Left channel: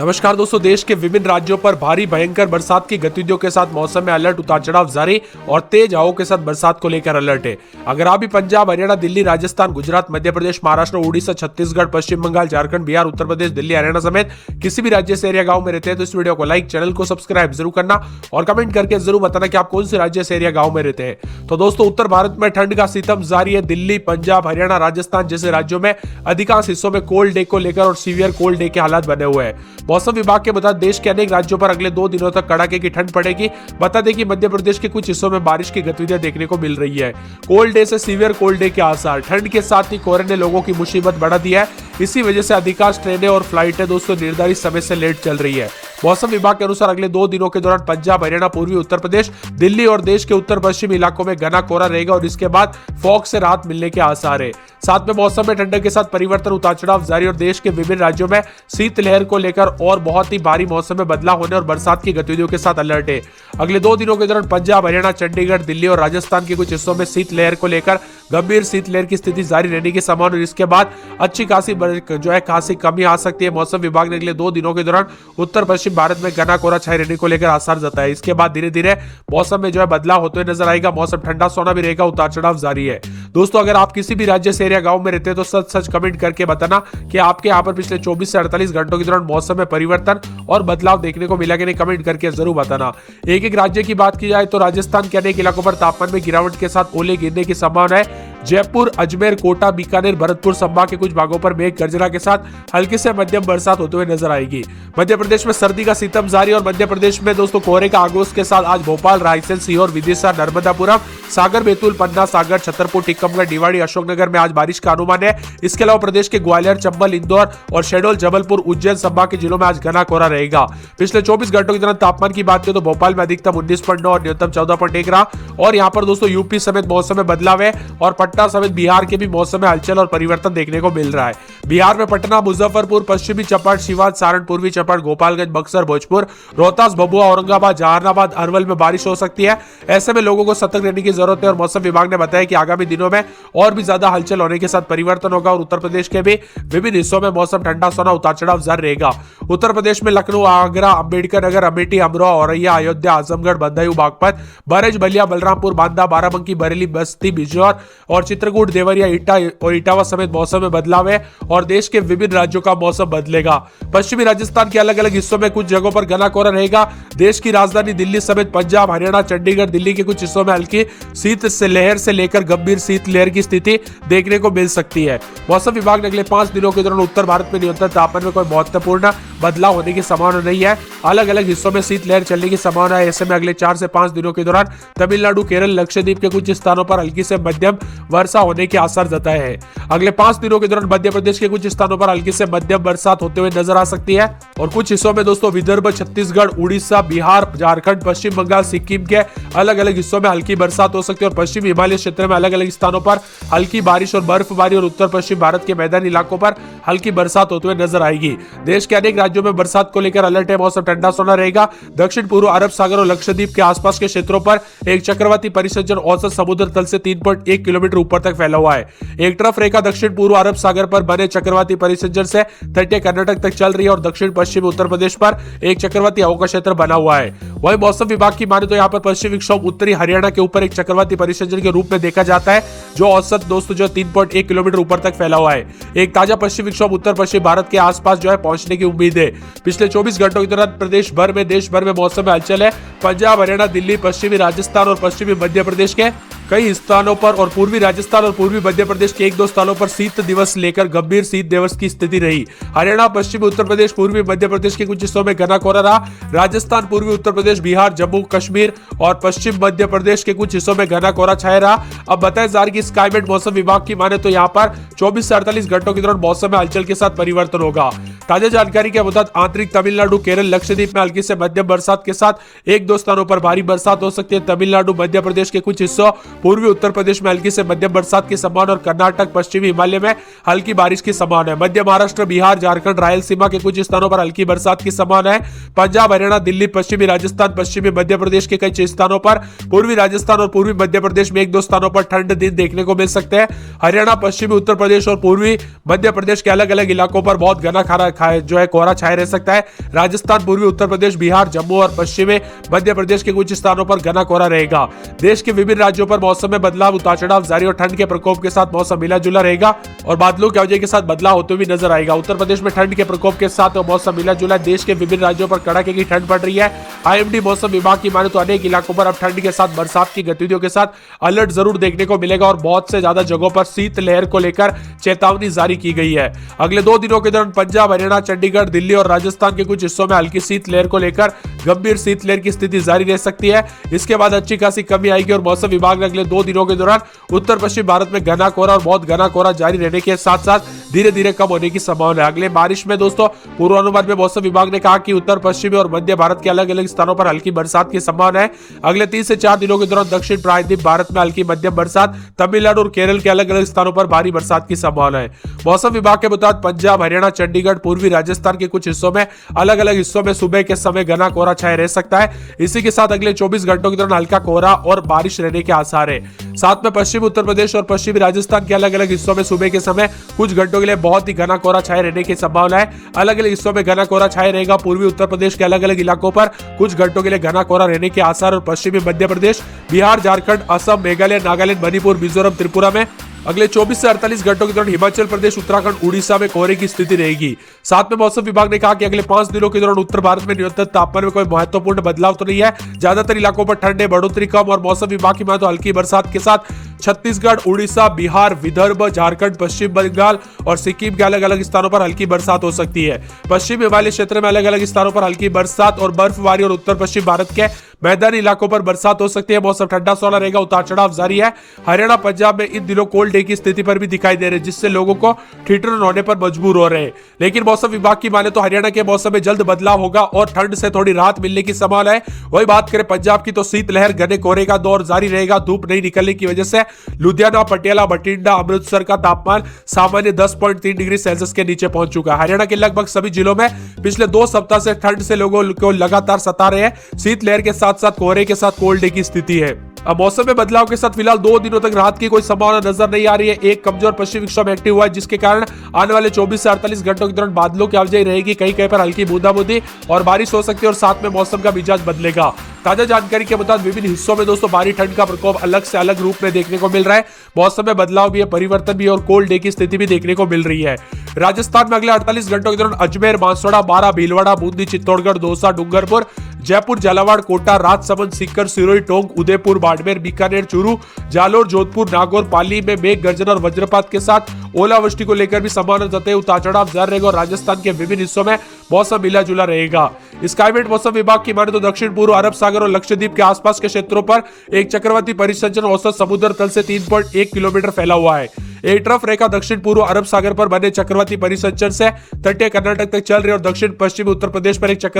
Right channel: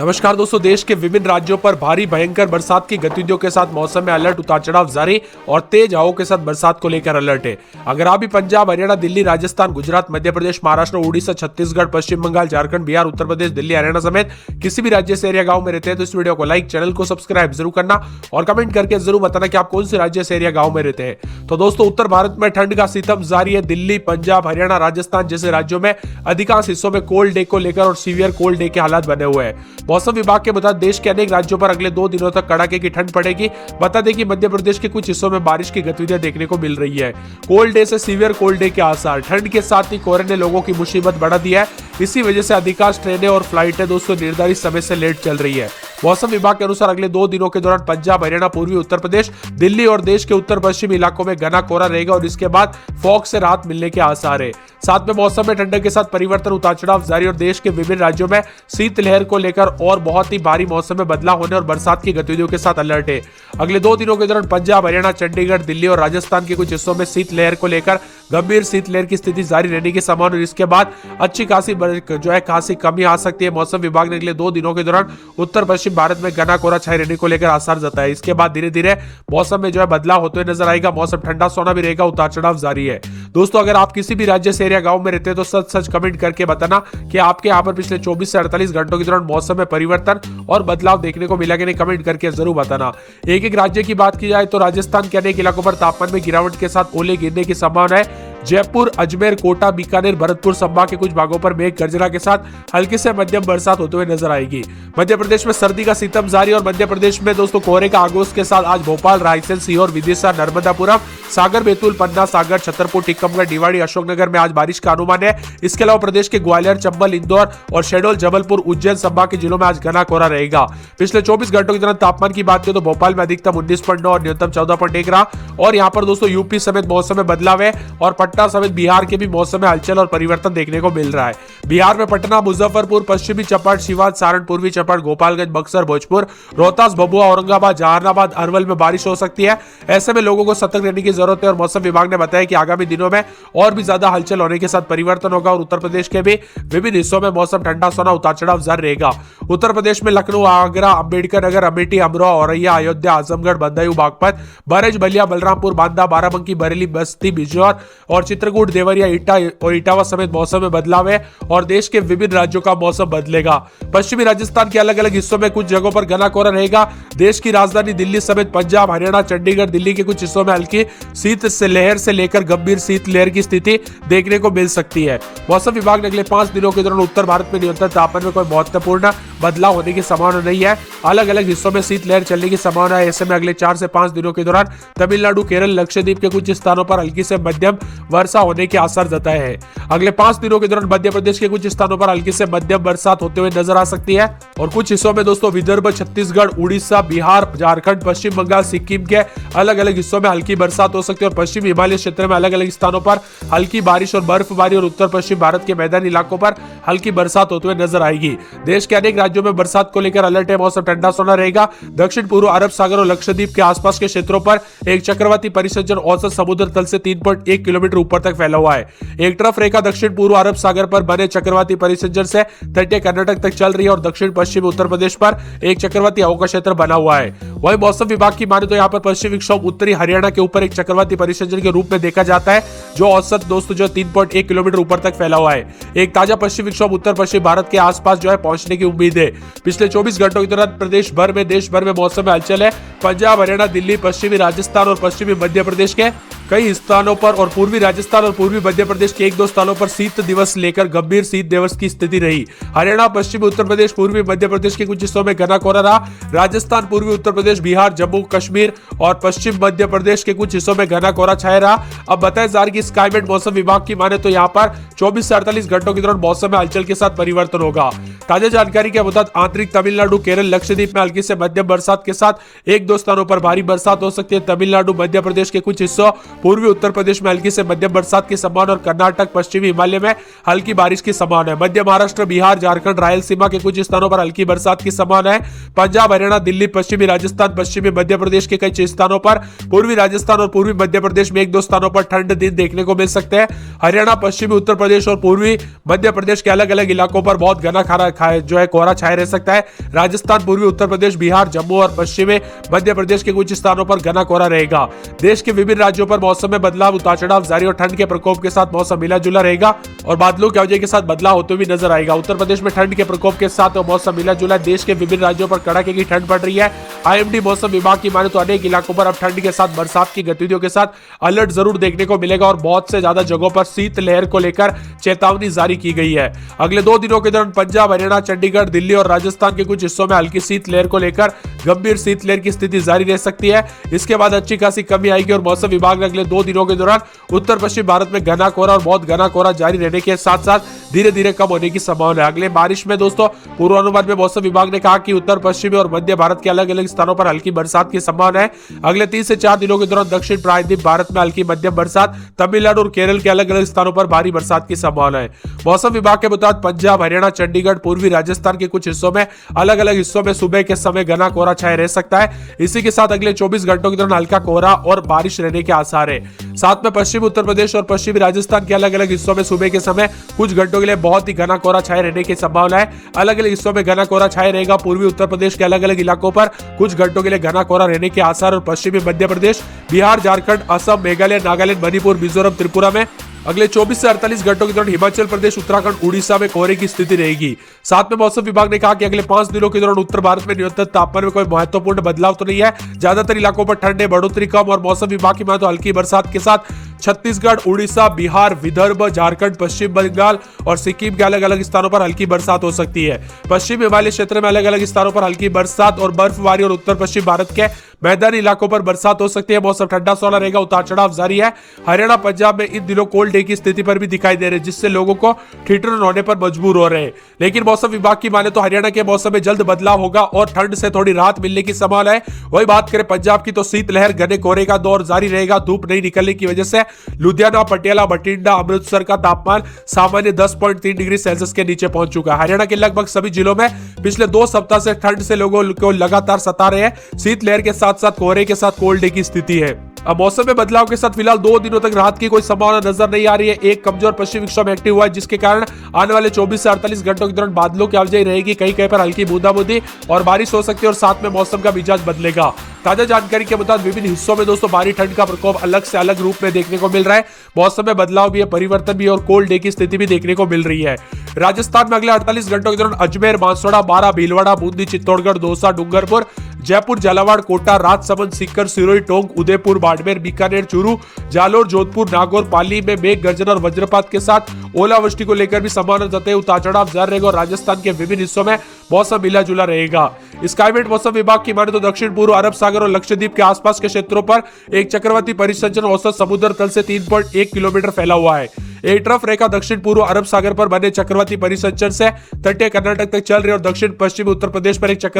नमस्कार दोस्तों, देश के विभिन्न राज्यों पर भारी भयंकर बरसात की गतिविधियों के साथ मौसम में अलर्ट, उतार चढ़ाव जारी और तेज हवाओं के साथ बरसात को लेकर अलर्ट है। अगर आप भी पंजाब, हरियाणा, दिल्ली, राजस्थान, गुजरात, मध्य प्रदेश, महाराष्ट्र, उड़ीसा, छत्तीसगढ़, पश्चिम बंगाल, झारखंड, बिहार, उत्तर प्रदेश, दिल्ली, हरियाणा समेत किसी भी राज्य से एरिया गाँव में रहते हैं तो इस वीडियो को लाइक, चैनल को सब्सक्राइब जरूर करना और कमेंट करके जरूर बताना कि आप कौन से राज्य से एरिया गाँव में रहते हैं। तो दोस्तों, उत्तर भारत में ठंड का सितम जारी है। दिल्ली, पंजाब, हरियाणा, राजस्थान जैसे राज्यों में अधिकांश हिस्सों में कोल्ड डे को लेकर और सीवियर कोल्ड डे के हालात बने हुए हैं। मौसम विभाग के बता देश के अनेक राज्यों पर अगले 2 दिनों तक कड़ाके की ठंड पड़ेगी। बता दें कि मध्य प्रदेश के कुछ हिस्सों में बारिश की गतिविधियां देखने को मिल रही है। कोल्ड डे से सीवियर कोल्ड डे के आसार। ठंड के साथ ही कोहरे ने लोगों की मुसीबत बढ़ा दी है। इसी वजह से अधिकांश ट्रेनें और फ्लाइटें दोस्तों निर्धारित समय से लेट चल रही है। मौसम विभाग के अनुसार अगले 2 दिनों के दौरान पंजाब, हरियाणा, पूर्वी उत्तर प्रदेश, दिल्ली और देश के उत्तर पश्चिमी इलाकों में घना कोहरा रहेगा और इसके बाद फॉग से राहत मिलने के आसार है। साथ में मौसम में ठंडक के साथ परिवर्तन, उतार चढ़ाव जारी और देश के विभिन्न राज्यों में शीतलहर को लेकर और बहुत ही भारी मौसम में बदलाव होने और बरसात की गतिविधियों के साथ अलर्ट है। अगले 2 दिनों के दौरान पंजाब, हरियाणा, चंडीगढ़, दिल्ली और राजस्थान के कुछ हिस्सों में शीतलहर को लेकर गंभीर शीतलहर की स्थिति जारी रहने की संभावना और इसके बाद अच्छी खासी कमी आ सकती है। मौसम विभाग ने अगले 2 दिनों के दौरान उत्तर पश्चिम भारत में घना कोहरा छाए रहने को लेकर आसार जताया। इसके बाद धीरे धीरे मौसम में बदलाव होते हुए नजर आएगा। मौसम ठंडा सोना भी रहेगा, उतार चढ़ाव जारी है। दोस्तों, अगर आप किसी भी राज्य से एरिया गांव में रहते हैं तो सच कमेंट करके बताना कि आपके यहाँ पर पिछले 24 से 48 घंटों के दौरान मौसम में परिवर्तन और बदलाव देखने को मिला कि नहीं, कमेंट करके जरूर बताना। एक एक राज्य की बात की जाए तो राजस्थान के अनेक इलाकों पर तापमान में गिरावट के साथ ओले गिरने की संभावना है। जयपुर, अजमेर, कोटा, बीकानेर, भरतपुर संभाग के कुछ भागों पर मेघ गर्जना के साथ हल्की से मध्यम बरसात होते हुए नजर आएगी। मध्य प्रदेश में सर्दी का सितम जारी और मध्य प्रदेश में दोस्तों कोहरे का आगोश के साथ आज भोपाल, रायसेन, सीहोर, विदिशा, नर्मदापुरम, सागर, बैतूल, पन्ना, सागर, छतरपुर, टीकमगढ़, निवाड़ी, अशोकनगर में आज बारिश का अनुमान है। इसके अलावा प्रदेश के ग्वालियर, चंबल, इंदौर और शहडोल, जबलपुर, उज्जैन संभाग के जिलों में आज घना कोहरा रहेगा। पिछले 24 घंटों के दौरान तापमान की बात करें तो भोपाल में अधिकतम 19.9 और न्यूनतम 14.1 रहा और यहाँ पर दोस्तों यूपी समेत मौसम में बदलाव है और पटना समेत बिहार के भी मौसम में हलचल और परिवर्तन देखने को मिल रहा है। बिहार में पटना, मुजफ्फरपुर, पश्चिमी चंपारण, सिवान, सारण, पूर्वी चंपारण, गोपालगंज, बक्सर, भोजपुर, रोहतास, भभुआ, औरंगाबाद, जहानाबाद, अरवल में बारिश हो सकती है। ऐसे में लोगों को सतर्क रहने की जरूरत है और मौसम विभाग ने बताया कि आगामी दिनों में और भी ज्यादा हलचल होने के साथ परिवर्तन होगा और उत्तर प्रदेश के भी विभिन्न हिस्सों में मौसम ठंडा सोना, उतार चढ़ाव जारी रहेगा। उत्तर प्रदेश में लखनऊ, आगरा, अंबेडकर नगर, अमेठी, अमरोहा, औरैया, अयोध्या, आजमगढ़, बदायूं, बागपत, बरेज, बलिया, बलरामपुर, बांदा, बाराबंकी, बरेली, बस्ती, बिजनौर और चित्रकूट, देवरिया, ईटा और इटावा समेत मौसम में बदलाव है और देश के विभिन्न राज्यों का मौसम बदलेगा। पश्चिमी राजस्थान के अलग अलग हिस्सों में कुछ जगहों पर घना कोहरा रहेगा। देश की राजधानी दिल्ली समेत पंजाब, हरियाणा, चंडीगढ़, दिल्ली के कुछ हिस्सों में हल्की शीत से लहर से लेकर गंभीर शीत लहर की स्थिति देखने को मिल सकती है। मौसम विभाग ने अगले 5 दिनों के दौरान उत्तर भारत में न्यूनतम तापमान में कोई महत्वपूर्ण बदलाव होने की संभावना नहीं है। अलग अलग हिस्सों में शीत लहर चलने की संभावना है। ऐसे में अगले 4 से 5 दिनों के दौरान तमिलनाडु, केरल, लक्षद्वीप के कुछ स्थानों पर हल्की से मध्यम वर्षा होने के आसार जताए हैं। अगले 5 दिनों के दौरान मध्य प्रदेश के कुछ स्थानों पर हल्की से मध्यम बरसात होते हुए नजर आ सकती है और कुछ हिस्सों में दोस्तों विदर्भ, छत्तीसगढ़, उड़ीसा, बिहार, झारखंड, पश्चिम बंगाल, सिक्किम के अलग अलग हिस्सों में हल्की बरसात हो सकती है और पश्चिम हिमालय क्षेत्र में अलग अलग स्थानों पर हल्की बारिश और बर्फबारी और उत्तर पश्चिम भारत के मैदानी इलाकों पर हल्की बरसात होते हुए नजर आएगी। देश के अनेक राज्यों में बरसात को लेकर अलर्ट है। मौसम ठंडा सोना रहेगा। दक्षिण पूर्व अरब सागर और लक्षद्वीप के आसपास के क्षेत्रों पर एक चक्रवाती परिसंचरण औसत समुद्र तल से 3.1 किलोमीटर ऊपर तक फैला हुआ है। एक तरफ रेखा दक्षिण पूर्व अरब सागर पर बने चक्रवाती परिसंचरण से तटीय कर्नाटक तक चल रही है और दक्षिण पश्चिम उत्तर प्रदेश पर एक चक्रवाती हवा का क्षेत्र बना हुआ है। वही मौसम विभाग की माने तो यहाँ पर पश्चिमी विक्षोभ उत्तरी हरियाणा के ऊपर एक चक्रवाती परिसंचरण के रूप में देखा जाता है जो औसत दोस्तों 3.1 किलोमीटर ऊपर तक फैला हुआ है। एक ताजा पश्चिमी विक्षोभ उत्तर पश्चिम भारत के आसपास पहुंचने की उम्मीद है। पिछले 24 घंटों के दौरान देश भर में मौसम में हलचल है। पंजाब, हरियाणा, दिल्ली, पश्चिमी राजस्थान और पश्चिमी मध्य प्रदेश के कई स्थानों पर और पूर्वी राजस्थान और पूर्वी मध्य प्रदेश के 1-2 स्थानों पर शीत दिवस लेकर गंभीर शीत दिवस की स्थिति रही। हरियाणा, पश्चिमी उत्तर प्रदेश, पूर्वी मध्य प्रदेश के कुछ हिस्सों में घना कोहरा रहा। राजस्थान, पूर्वी उत्तर प्रदेश, बिहार, जम्मू कश्मीर और पश्चिम मध्य प्रदेश के कुछ हिस्सों में घना कोहरा छाया रहा। अब बताया जा रहा है कि स्काईमेट मौसम विभाग की माने तो यहाँ पर 24 से 48 घंटों के दौरान मौसम में हलचल के साथ परिवर्तन होगा। ताजा जानकारी के मुताबिक आंतरिक तमिलनाडु, केरल, लक्षद्वीप में हल्की से मध्यम बरसात के साथ 1-2 स्थानों पर भारी बरसात हो सकती है। तमिलनाडु, मध्य प्रदेश के कुछ हिस्सों, पूर्वी उत्तर प्रदेश में हल्की से मध्यम बरसात की संभावना और कर्नाटक पश्चिमी हिमालय में हल्की बारिश की संभावना है। मध्य महाराष्ट्र, बिहार, झारखंड, रायलसीमा के कुछ स्थानों पर हल्की बरसात की संभावना है। पंजाब, हरियाणा, दिल्ली, पश्चिमी राजस्थान, पश्चिमी मध्य प्रदेश के कई स्थानों पर, पूर्वी राजस्थान और पूर्वी मध्य प्रदेश में 1-2 स्थानों पर ठंड दिन देखने को मिल सकते हैं। हरियाणा, पश्चिमी उत्तर प्रदेश और पूर्वी मध्य प्रदेश के अलग अलग इलाकों पर बहुत घना कोहरा छाया रह सकता है। राजस्थान, पूर्वी उत्तर प्रदेश, बिहार, जम्मू और पश्चिमी मध्य प्रदेश के कुछ स्थानों पर घना कोहरा रहेगा। देश के विभिन्न राज्यों पर मौसम में बदलाव, उतार चढ़ाव जारी और ठंड के प्रकोप के साथ मौसम मिला जुला रहेगा और बादलों की वजह के साथ बदलाव होते हुए नजर आएगा। उत्तर प्रदेश में ठंड के प्रकोप के साथ मौसम मिला जुला, देश के विभिन्न राज्यों पर कड़ाके की ठंड पड़ रही है। आईएमडी मौसम विभाग की माने तो अनेक इलाकों पर अब ठंड के साथ बरसात की गतिविधियों के साथ अलर्ट जरूर देखने को मिलेगा और बहुत से ज्यादा जगहों पर शीतलहर को लेकर चेतावनी जारी की गई है। अगले 2 दिनों के दौरान पंजाब, हरियाणा, चंडीगढ़, दिल्ली और राजस्थान के कुछ हिस्सों में हल्की शीतलहर को लेकर गंभीर शीतलहर की स्थिति जारी रह सकती है। इसके बाद अच्छी खासी कमी आएगी और मौसम विभाग ने अगले 2 दिनों के दौरान उत्तर पश्चिम भारत में घना कोहरा और बहुत घना कोहरा जारी रहने के साथ साथ धीरे धीरे कम होने की संभावना है। अगले बारिश में दोस्तों पूर्वानुमान में मौसम विभाग ने कहा कि उत्तर पश्चिमी और मध्य भारत के अलग अलग स्थानों पर हल्की बरसात की संभावना है। अगले 3 से 4 दिनों के दौरान दक्षिण प्रायद्वीप भारत में हल्की मध्यम बरसात, तमिलनाडु और केरल के अलग अलग स्थानों पर भारी बरसात की संभावना है। मौसम विभाग के मुताबिक पंजाब, हरियाणा, चंडीगढ़, पूर्वी राजस्थान के कुछ हिस्सों में अलग अलग हिस्सों में सुबह के समय घना कोहरा छाया रह सकता है। इसी के साथ अगले 24 घंटों के दौरान हल्का कोहरा और बारिश रहने के आसार है। साथ में पश्चिमी उत्तर प्रदेश और पश्चिमी राजस्थान के अलग अलग हिस्सों में सुबह के समय कुछ घंटों के लिए बहुत ही घना कोहरा छाया रहने की संभावना है। अलग अलग हिस्सों में घना कोहरा छाया रहेगा। पूर्वी उत्तर प्रदेश के अलग अलग इलाकों पर कुछ घंटों के लिए घना कोहरा रहने के आसार और पश्चिमी मध्य प्रदेश, बिहार, झारखंड, असम, मेघालय, नागालैंड, मणिपुर, मिजोरम, त्रिपुरा में और 24 से 48 घंटों के दौरान हिमाचल प्रदेश, उत्तराखंड, उड़ीसा में कोहरे की स्थिति रहेगी। साथ में मौसम विभाग ने कहा कि अगले 5 दिनों के दौरान उत्तर भारत में न्यूनतम तापमान में कोई महत्वपूर्ण बदलाव तो नहीं है। ज्यादातर इलाकों पर ठंड में बढ़ोतरी कम और मौसम विभाग की माने तो हल्की बरसात के साथ छत्तीसगढ़, उड़ीसा, बिहार, विदर्भ, झारखंड, पश्चिम बंगाल और सिक्किम के अलग अलग स्थानों पर हल्की बरसात हो सकती है। पश्चिम हिमालय क्षेत्र में अलग अलग स्थानों पर हल्की बरसात और बर्फबारी और उत्तर पश्चिम भारत के मैदानी इलाकों पर बरसात हो सकती है। मौसम ठंडा सोना रहेगा, उतार चढ़ाव जारी है। हरियाणा, पंजाब में इन दिनों कोल्ड डे की स्थिति पर भी दिखाई दे रही है, जिससे लोगों को ठिठुरन होने पर मजबूर हो रहे हैं। लेकिन मौसम विभाग की माने तो हरियाणा के मौसम में जल्द बदलाव होगा और ठंड से थोड़ी राहत मिलने की संभावना है। वही बात करें पंजाब की तो शीतलहर, घने कोहरे का दौर जारी रहेगा। धूप नहीं निकलने की वजह से लुधियाना, पटियाला, बठिंडा, अमृतसर का तापमान सामान्य 10.3 डिग्री सेल्सियस के नीचे पहुंच चुका है। हरियाणा के लगभग सभी जिलों में पिछले 2 सप्ताह से ठंड से लोगों को लगातार सता रहे हैं। शीतलहर के साथ साथ कोहरे के साथ कोल्ड डे की स्थिति है। अब मौसम में बदलाव के साथ फिलहाल 2 दिनों तक राहत की कोई संभावना नजर नहीं आ रही है। एक कमजोर पश्चिमी विक्षोभ एक्टिव हुआ है, जिसके कारण आने वाले 24 से 48 घंटों के दौरान बादलों की आवाजाही रहेगी। कहीं कहीं पर हल्की बूंदाबांदी और बारिश हो सकती है और साथ में मौसम का मिजाज बदलेगा। ताजा जानकारी के मुताबिक विभिन्न हिस्सों में दोस्तों भारी ठंड का प्रकोप अलग से अलग रूप में देखने को मिल रहा है। मौसम में बदलाव भी है, परिवर्तन भी और कोल्ड डे की स्थिति भी देखने को मिल रही है। राजस्थान में अगले 48 घंटों के दौरान अजमेर, बांसवाड़ा, बारां, भीलवाड़ा, बूंदी, चित्तौड़गढ़, दौसा, डूंगरपुर, जयपुर, झालावाड़, कोटा, राजसमंद, सीकर, सिरोही, टोंक, उदयपुर, बाड़मेर, बीकानेर, चूरू, जालोर, जोधपुर, नागौर, पाली में मेघ गर्जन और वज्रपात के साथ ओलावृष्टि को लेकर भी संभावना जताई। उतार चढ़ाव जारी रहेगा और राजस्थान के विभिन्न हिस्सों में मौसम मिला जुला रहेगा। स्काईमेट मौसम विभाग की माने तो दक्षिण पूर्व अरब सागर और लक्षद्वीप के आसपास के क्षेत्रों पर एक चक्रवाती परिसंचरण औसत समुद्र तल से 3.1 किलोमीटर फैला हुआ है। एक ट्रफ रेखा दक्षिण पूर्व अरब सागर पर बने चक्रवाती परिसंचरण से तटीय कर्नाटक तक चल रही है और दक्षिण पश्चिमी उत्तर प्रदेश पर एक चक्र